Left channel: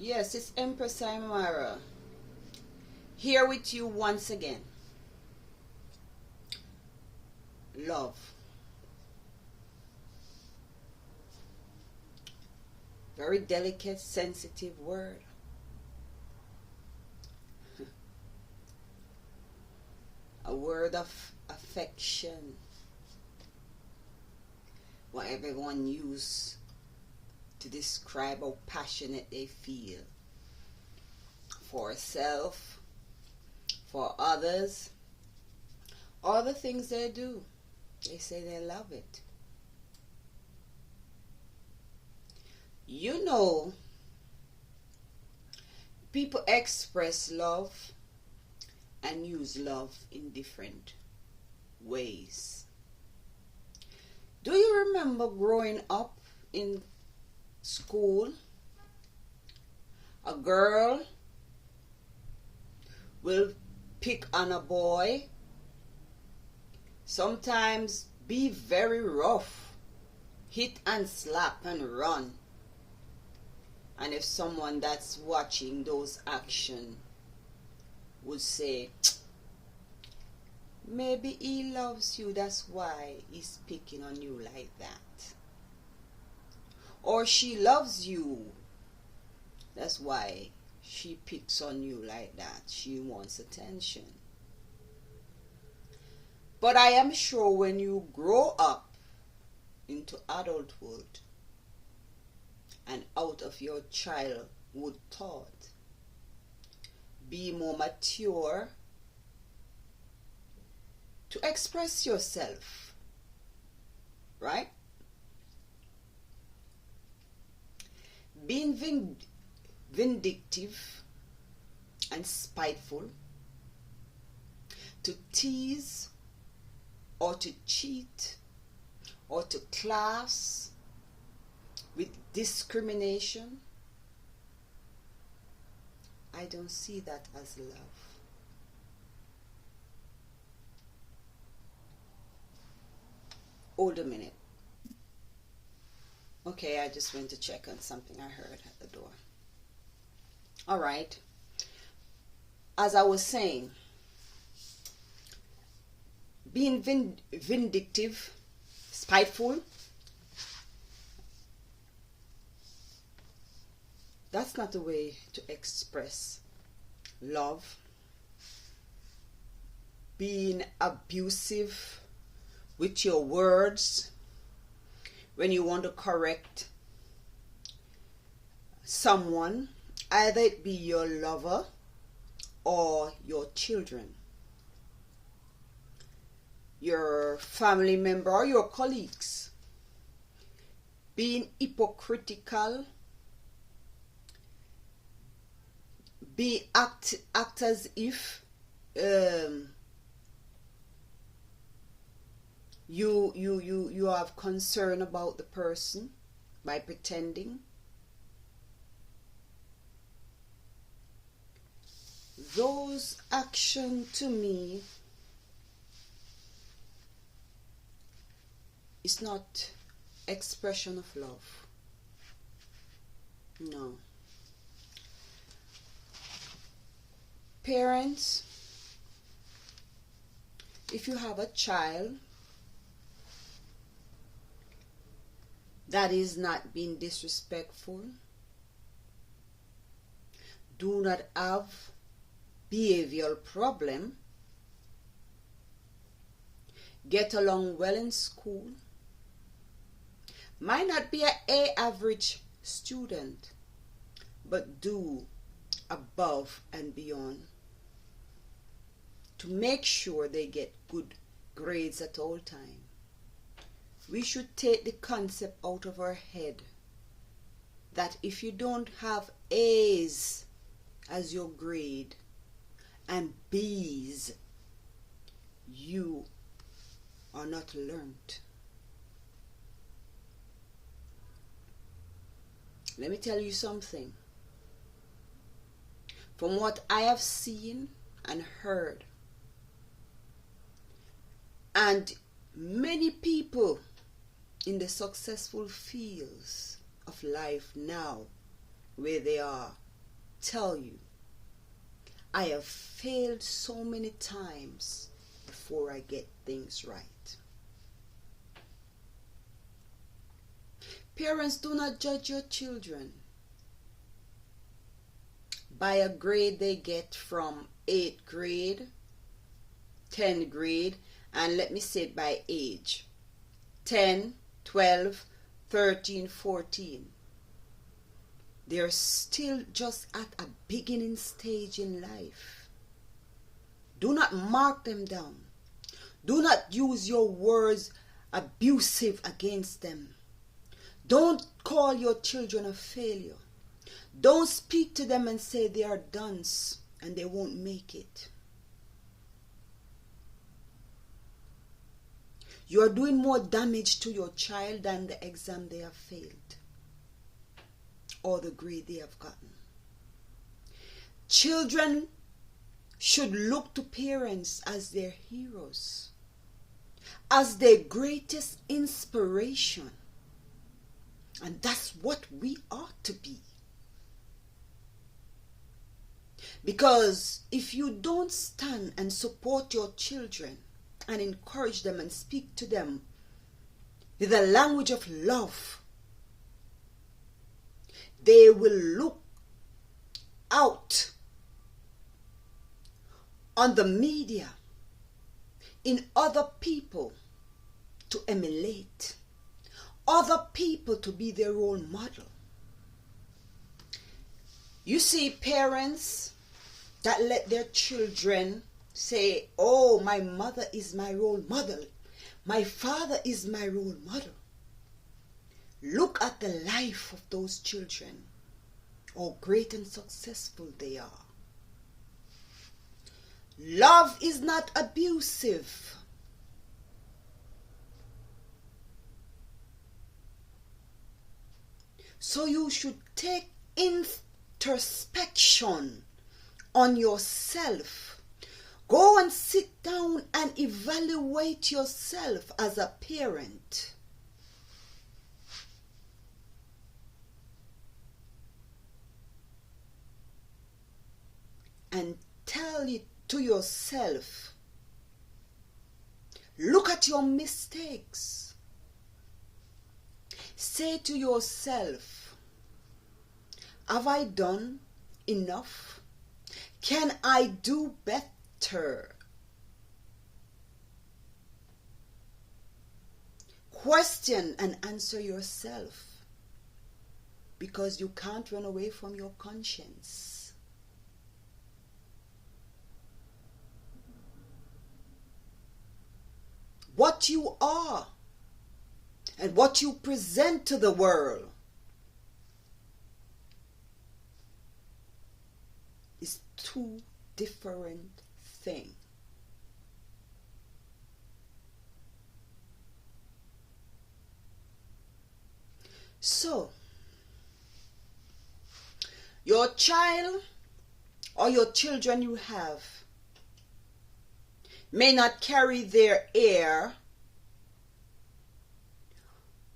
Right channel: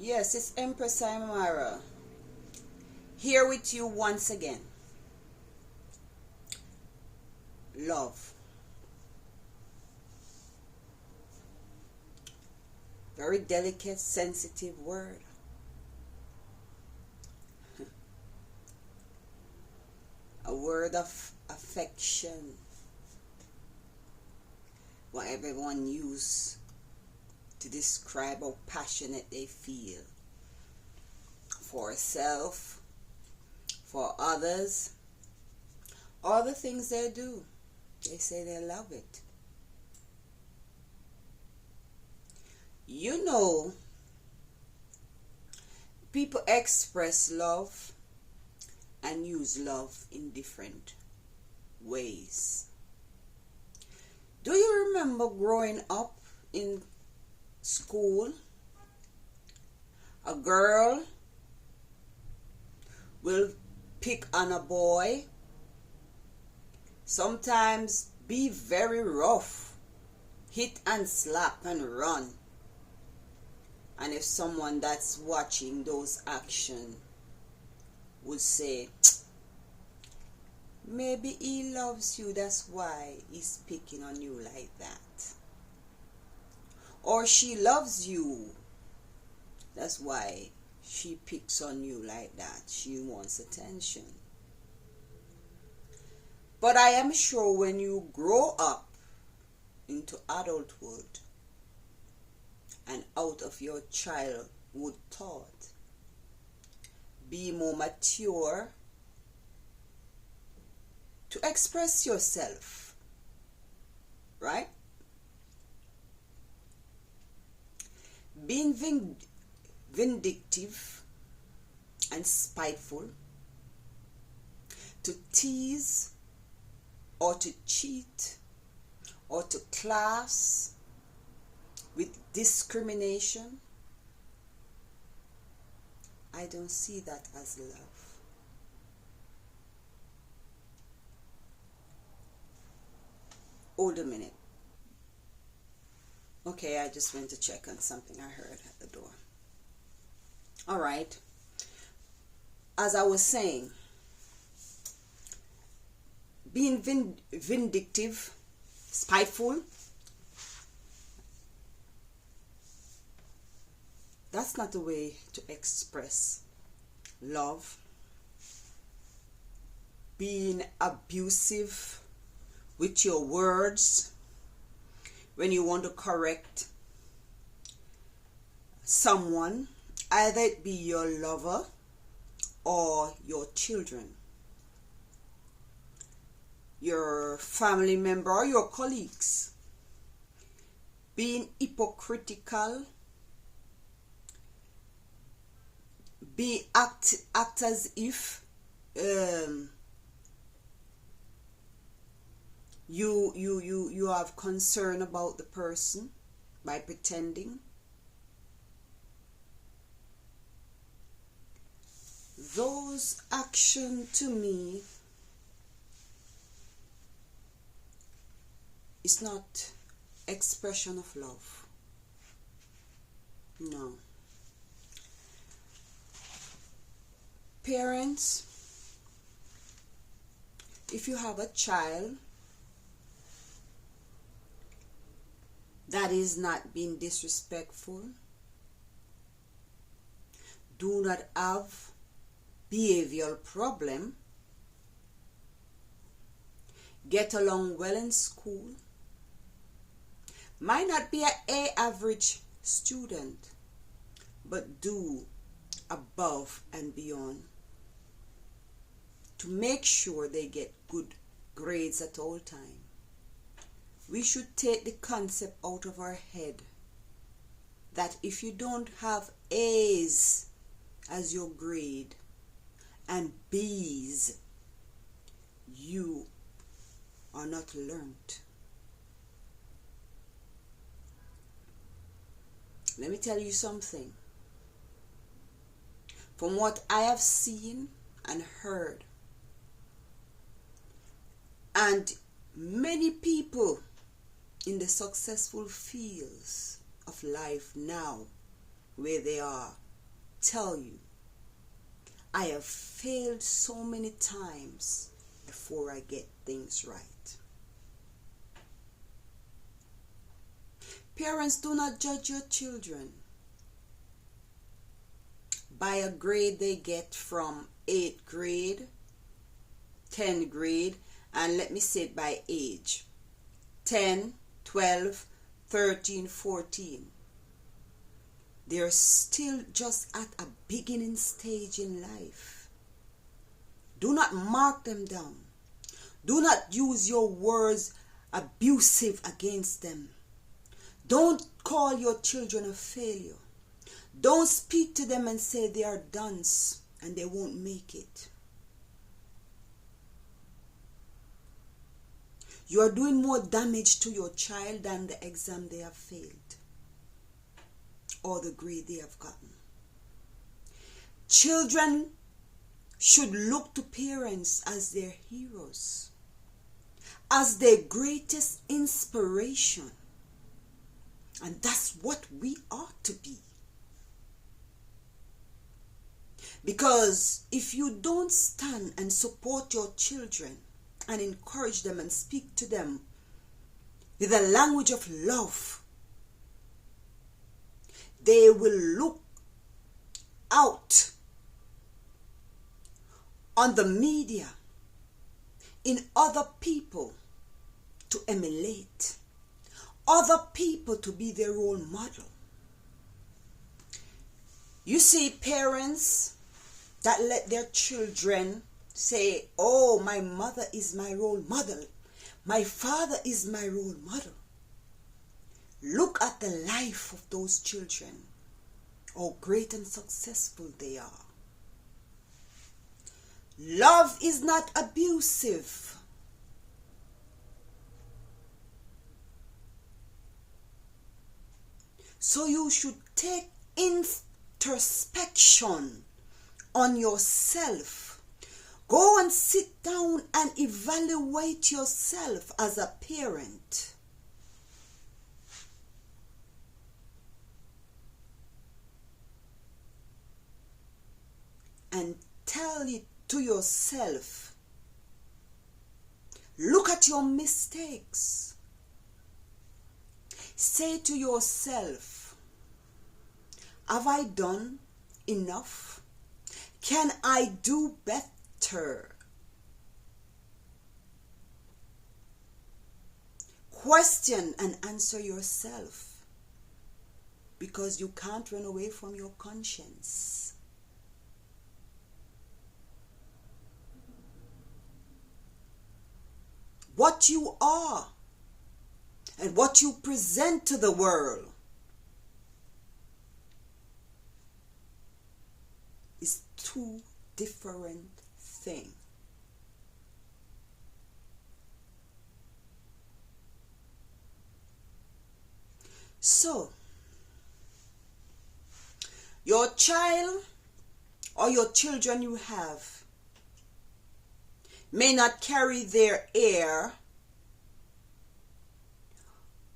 Yes, it's Empress Imara here with you once again. Love. Very delicate, sensitive word. A word of affection. What everyone uses to describe how passionate they feel for self, for others, all the things they do. They say they love it. You know, people express love and use love in different ways. Do you remember growing up in school? A girl will pick on a boy, sometimes be very rough, hit and slap and run. And if someone that's watching those actions would say, maybe he loves you, that's why he's picking on you like that. Or she loves you, that's why she picks on you like that. She wants attention. But I am sure when you grow up into adulthood and out of your childhood thought, be more mature to express yourself, right? Being vindictive and spiteful, to tease or to cheat or to class with discrimination, I don't see that as love. Hold a minute. Okay, I just went to check on something I heard at the door. All right. As I was saying, being vindictive, spiteful, that's not the way to express love. Being abusive with your words when you want to correct someone, either it be your lover or your children, your family member or your colleagues. Being hypocritical, act as if you have concern about the person by pretending. Those actions to me is not expression of love. No. Parents, if you have a child that is not being disrespectful, do not have behavioral problem, get along well in school, might not be an A average student, but do above and beyond to make sure they get good grades at all times. We should take the concept out of our head that if you don't have A's as your grade and B's, you are not learned. Let me tell you something. From what I have seen and heard, and many people in the successful fields of life now, where they are tell you, I have failed so many times before I get things right. Parents, do not judge your children by a grade they get from 8th grade, 10th grade, and let me say it by age. 10, 12, 13, 14. They're still just at a beginning stage in life. Do not mark them down. Do not use your words abusive against them. Don't call your children a failure. Don't speak to them and say they are dunce and they won't make it. You are doing more damage to your child than the exam they have failed or the grade they have gotten. Children should look to parents as their heroes, as their greatest inspiration. And that's what we ought to be. Because if you don't stand and support your children and encourage them and speak to them with a language of love, they will look out on the media in other people to emulate, other people to be their role model. You see parents that let their children say, oh, my mother is my role model. My father is my role model. Look at the life of those children, how great and successful they are. Love is not abusive. So you should take introspection on yourself. Go and sit down and evaluate yourself as a parent. And tell it to yourself. Look at your mistakes. Say to yourself, have I done enough? Can I do better? Question and answer yourself, because you can't run away from your conscience. What you are and what you present to the world is two different things. So, your child or your children you have may not carry their hair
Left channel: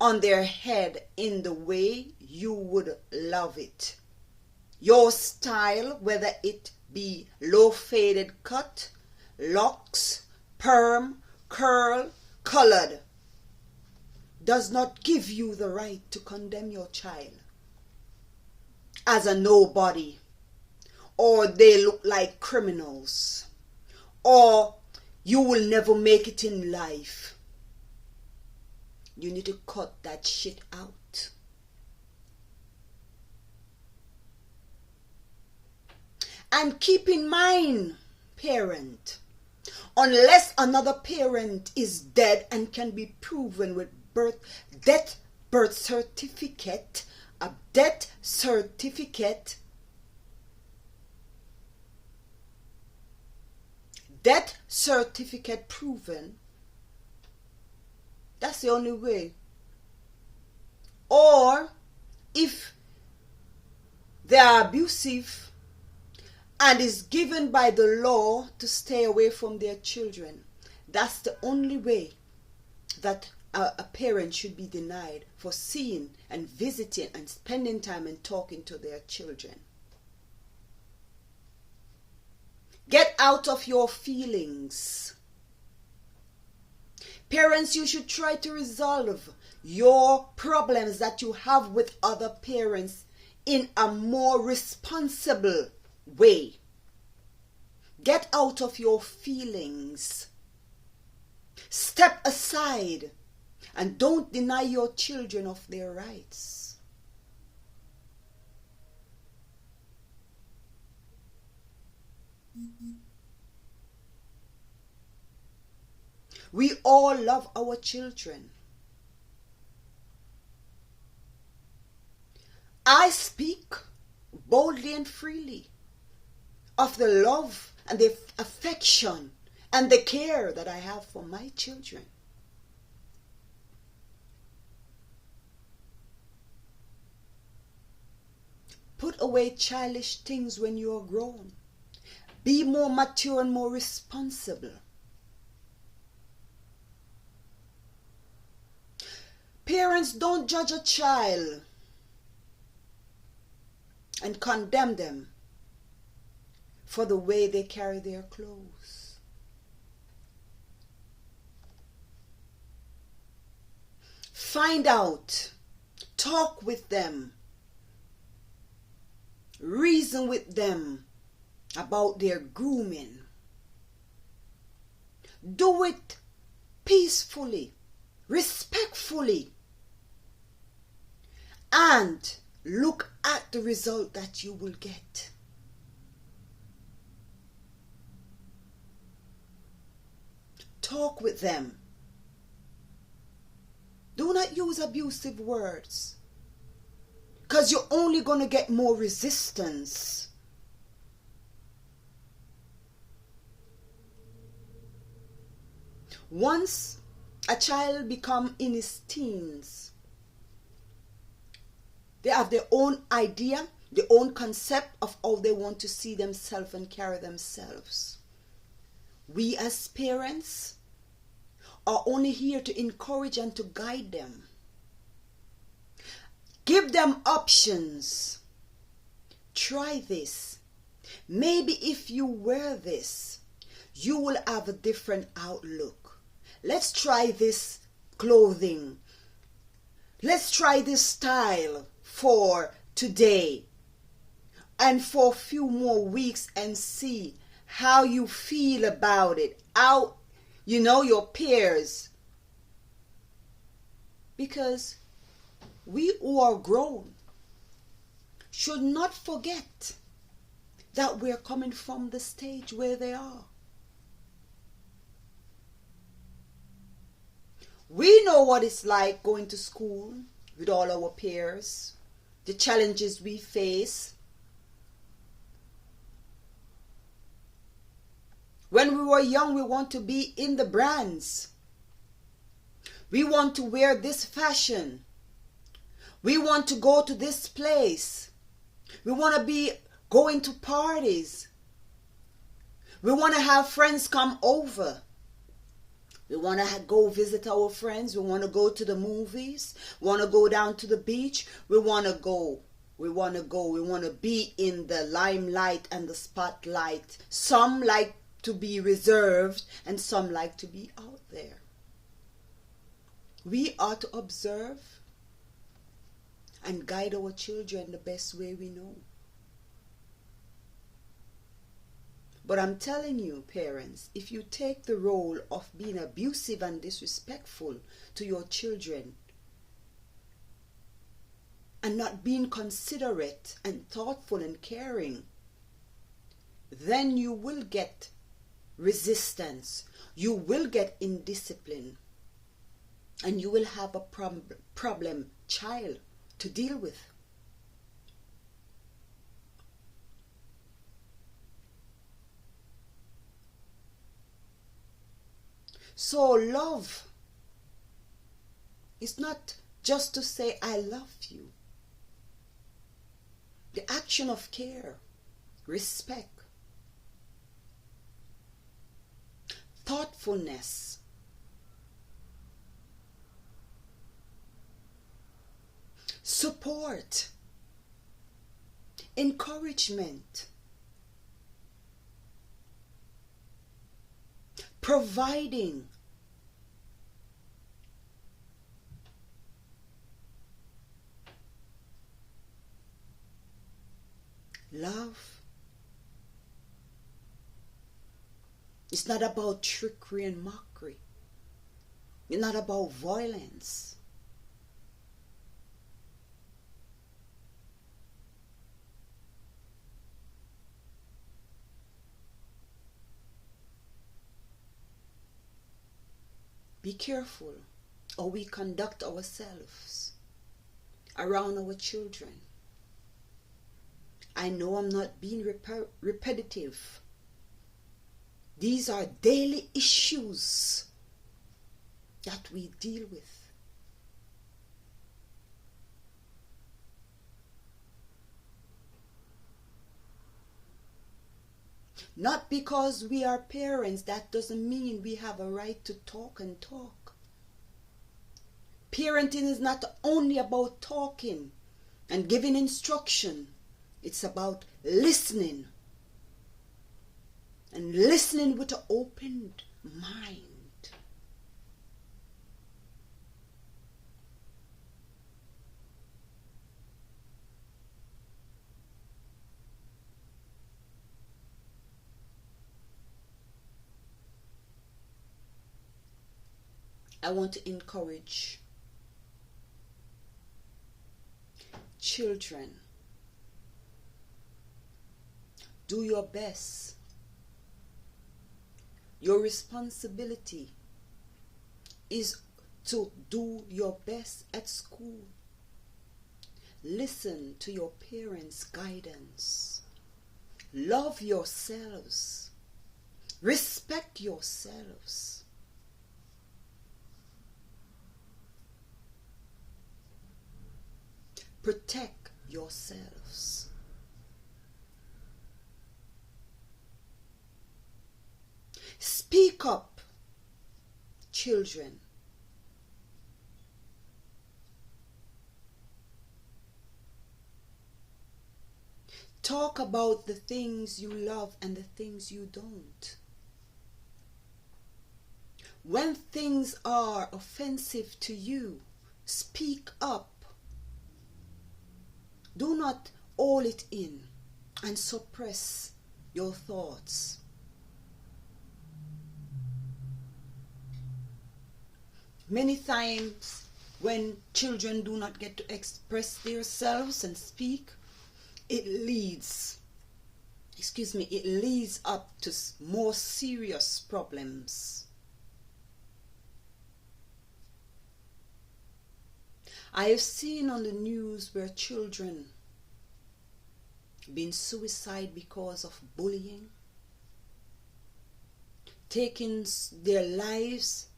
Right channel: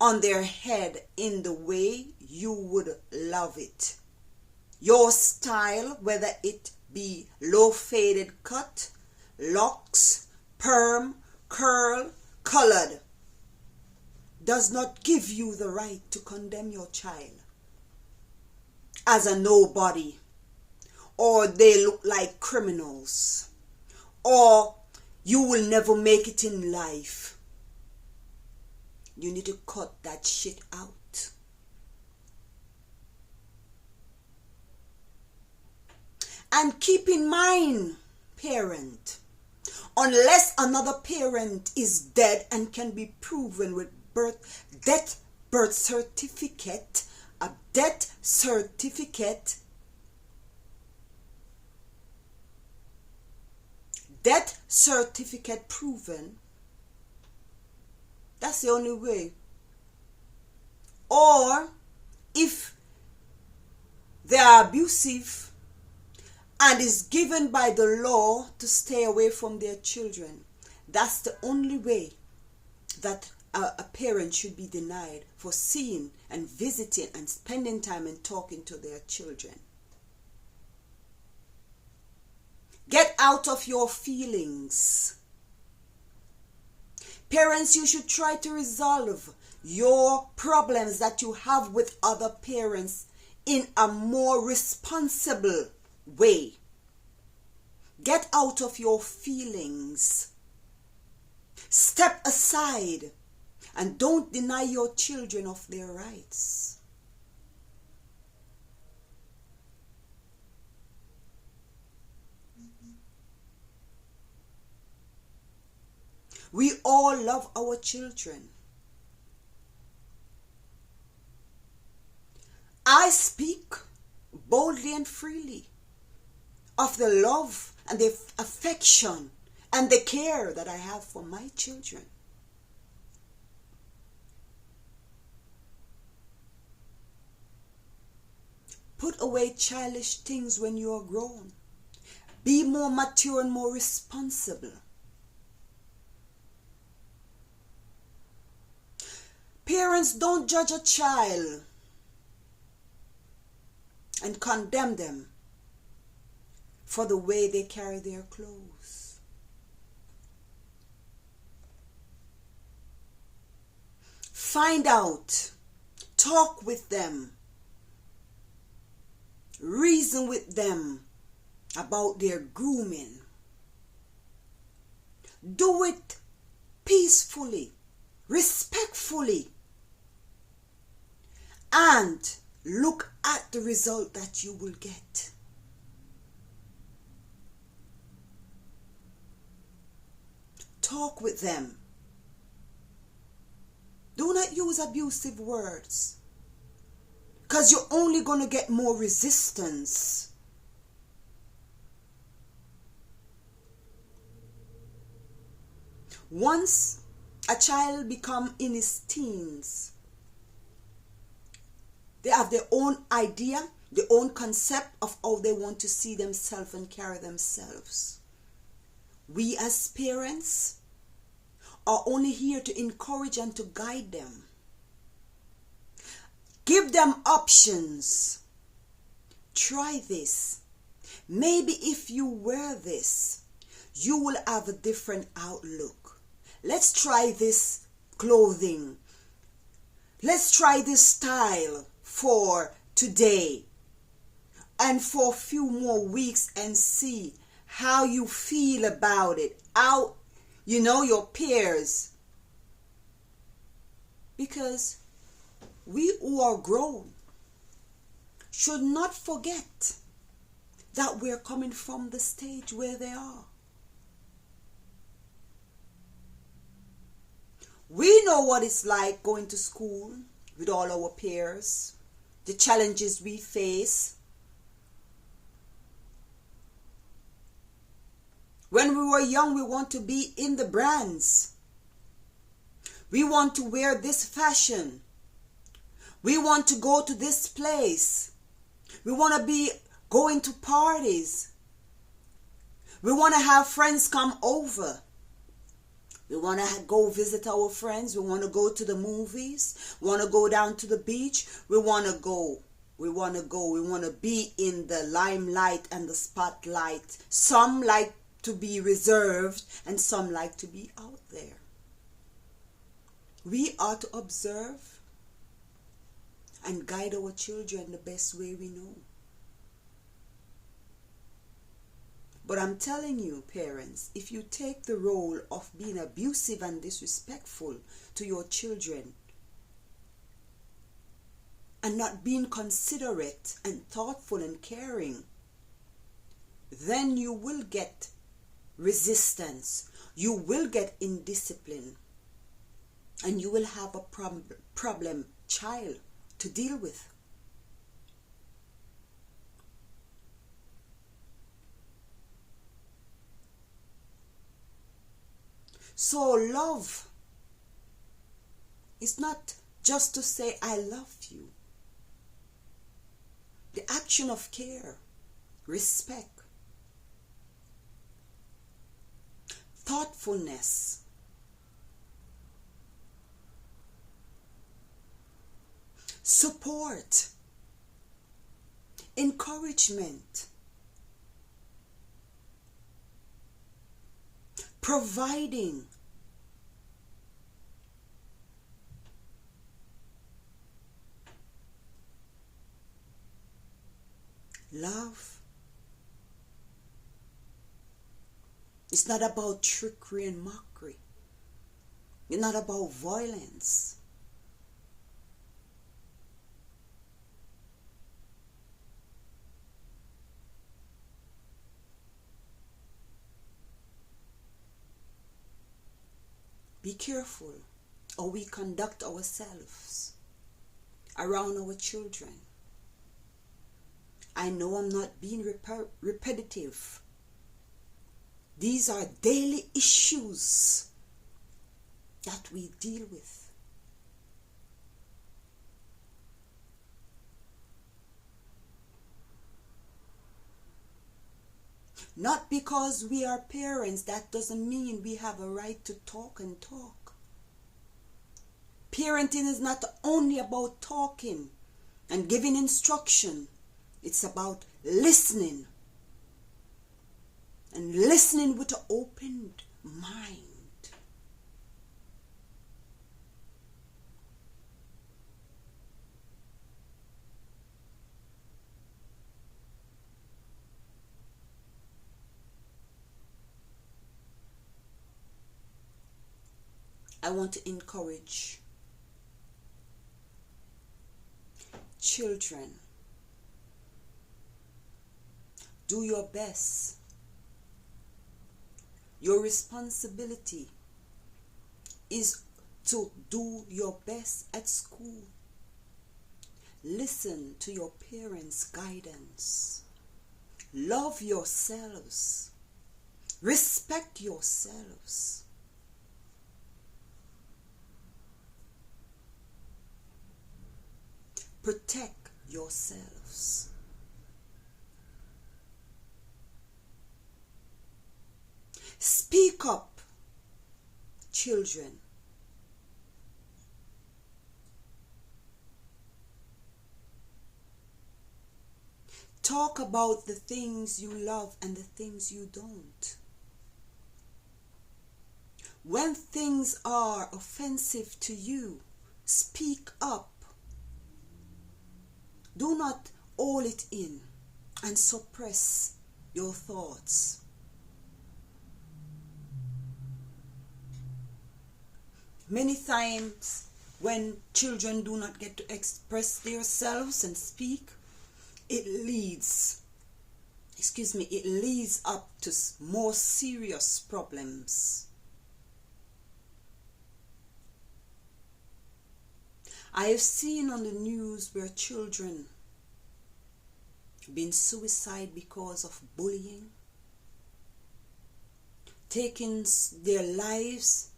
on their head in the way you would love it. Your style, whether it be low faded cut, locks, perm, curl, colored, does not give you the right to condemn your child as a nobody, or they look like criminals, or you will never make it in life. You need to cut that shit out. And keep in mind, parent, unless another parent is dead and can be proven with death certificate proven, that's the only way. Or if they are abusive and is given by the law to stay away from their children, that's the only way that a parent should be denied for seeing and visiting and spending time and talking to their children. Get out of your feelings. Parents, you should try to resolve your problems that you have with other parents in a more responsible way. Get out of your feelings. Step aside and don't deny your children of their rights. We all love our children. I speak boldly and freely of the love and the affection and the care that I have for my children. Put away childish things when you are grown. Be more mature and more responsible. Parents, don't judge a child and condemn them for the way they carry their clothes. Find out, talk with them, reason with them about their grooming. Do it peacefully, respectfully, and look at the result that you will get. Talk with them. Do not use abusive words, because you're only going to get more resistance. Once a child becomes in his teens, they have their own idea, their own concept of how they want to see themselves and carry themselves. We as parents are only here to encourage and to guide them. Give them options. Try this. Maybe if you wear this, you will have a different outlook. Let's try this clothing. Let's try this style for today and for a few more weeks and see how you feel about it. How, your peers. Because we who are grown should not forget that we're coming from the stage where they are. We know what it's like going to school with all our peers, the challenges we face. When we were young, we want to be in the brands. We want to wear this fashion. We want to go to this place. We want to be going to parties. We want to have friends come over. We want to go visit our friends. We want to go to the movies. We want to go down to the beach. We want to go. We want to be in the limelight and the spotlight. Some like to be reserved and some like to be out there. We are to observe and guide our children the best way we know. But I'm telling you, parents, if you take the role of being abusive and disrespectful to your children and not being considerate and thoughtful and caring, then you will get resistance, you will get indiscipline, and you will have a problem child to deal with. So love is not just to say I love you. The action of care, respect, thoughtfulness, support, encouragement, providing. Love is not about trickery and mockery. It's not about violence. Be careful how we conduct ourselves around our children. I know I'm not being repetitive. These are daily issues that we deal with. Not because we are parents, that doesn't mean we have a right to talk and talk. Parenting is not only about talking and giving instruction. It's about listening. And listening with an open mind. I want to encourage children. Do your best. Your responsibility is to do your best at school. Listen to your parents' guidance. Love yourselves. Respect yourselves. Protect yourselves. Speak up, children. Talk about the things you love and the things you don't. When things are offensive to you, speak up. Do not hold it in and suppress your thoughts. Many times when children do not get to express themselves and speak, it leads up to more serious problems. I have seen on the news where children been suicide because of bullying, taking their lives,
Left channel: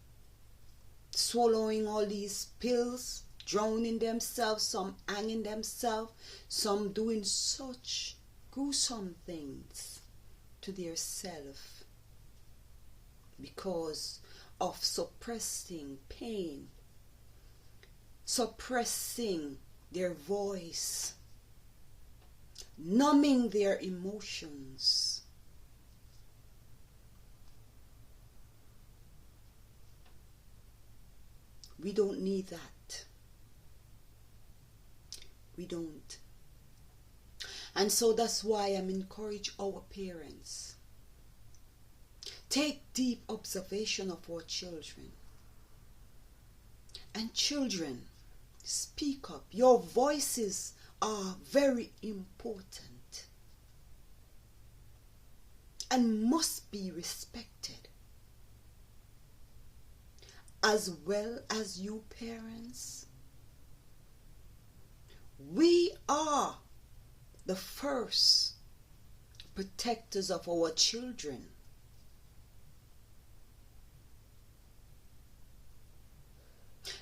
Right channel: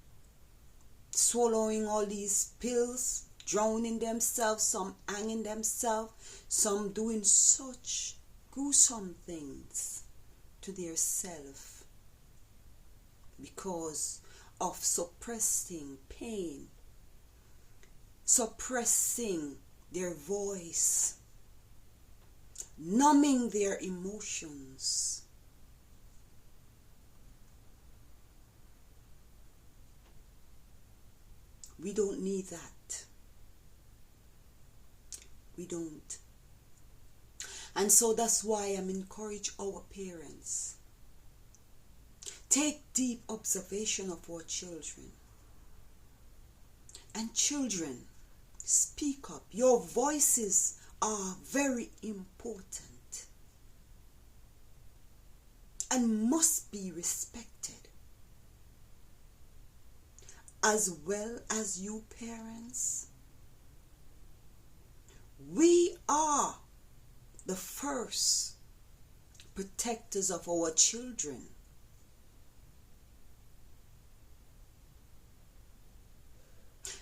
swallowing all these pills, drowning themselves, some hanging themselves, some doing such gruesome things to their self because of suppressing pain, suppressing their voice, numbing their emotions. We don't need that. We don't. And so that's why I'm encouraging our parents. Take deep observation of our children. And children, speak up. Your voices are very important and must be respected. As well as you parents, we are the first protectors of our children.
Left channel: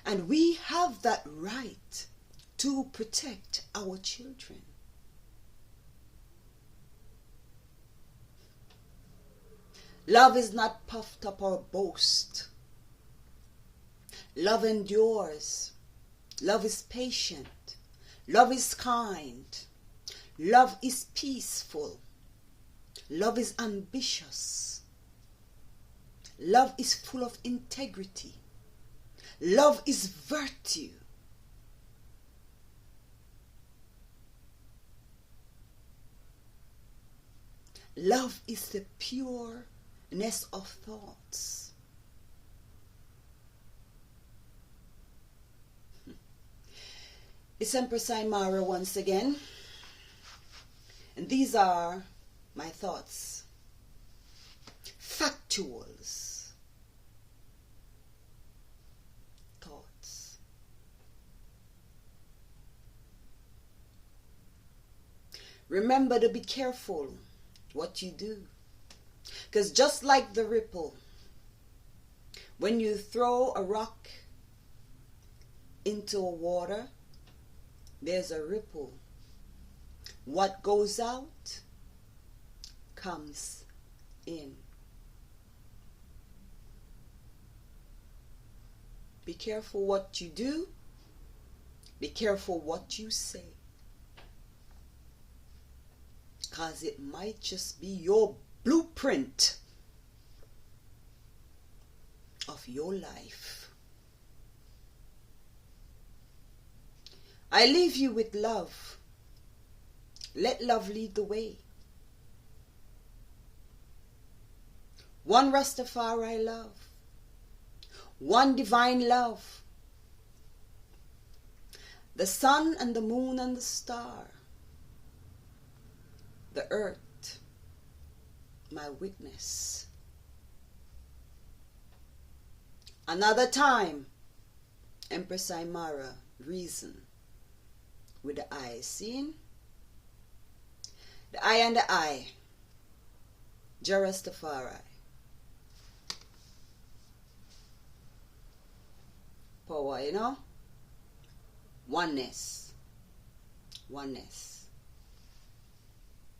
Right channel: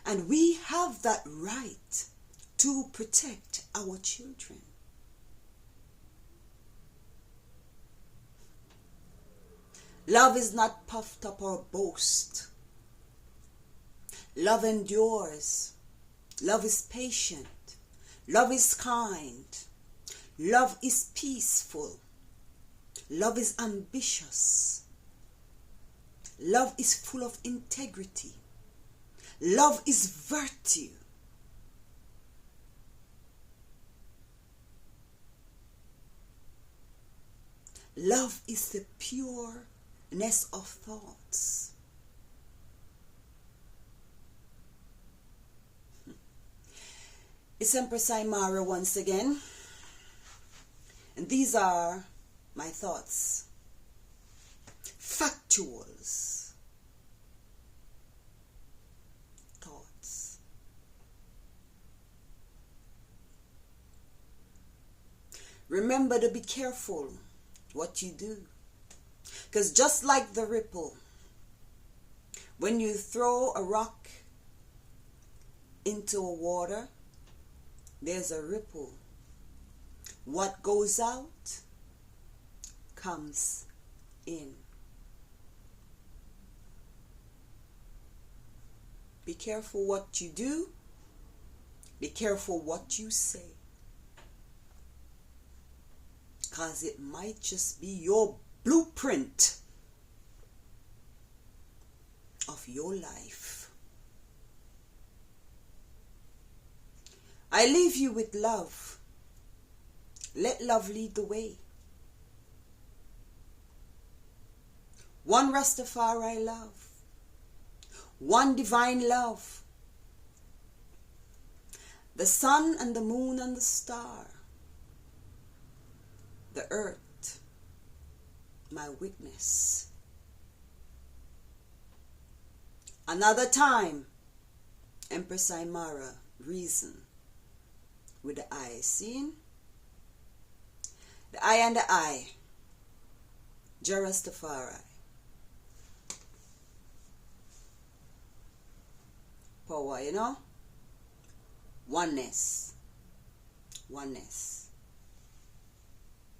And we have that right to protect our children. Love is not puffed up or boast. Love endures. Love is patient. Love is kind. Love is peaceful. Love is ambitious. Love is full of integrity. Love is virtue. Love is the pureness of thoughts. It's Empress Imara once again. And these are my thoughts. Factuals. Thoughts. Remember to be careful what you do. Because just like the ripple, when you throw a rock into a water, there's a ripple. What goes out comes in. Be careful what you do. Be careful what you say. Because it might just be your blueprint of your life. I leave you with love. Let love lead the way. One Rastafari love. One divine love. The sun and the moon and the star. The earth, my witness. Another time, Empress Imara, reason. With the eye seen, the eye and the eye, Jarastafari. Power, you know? Oneness. Oneness.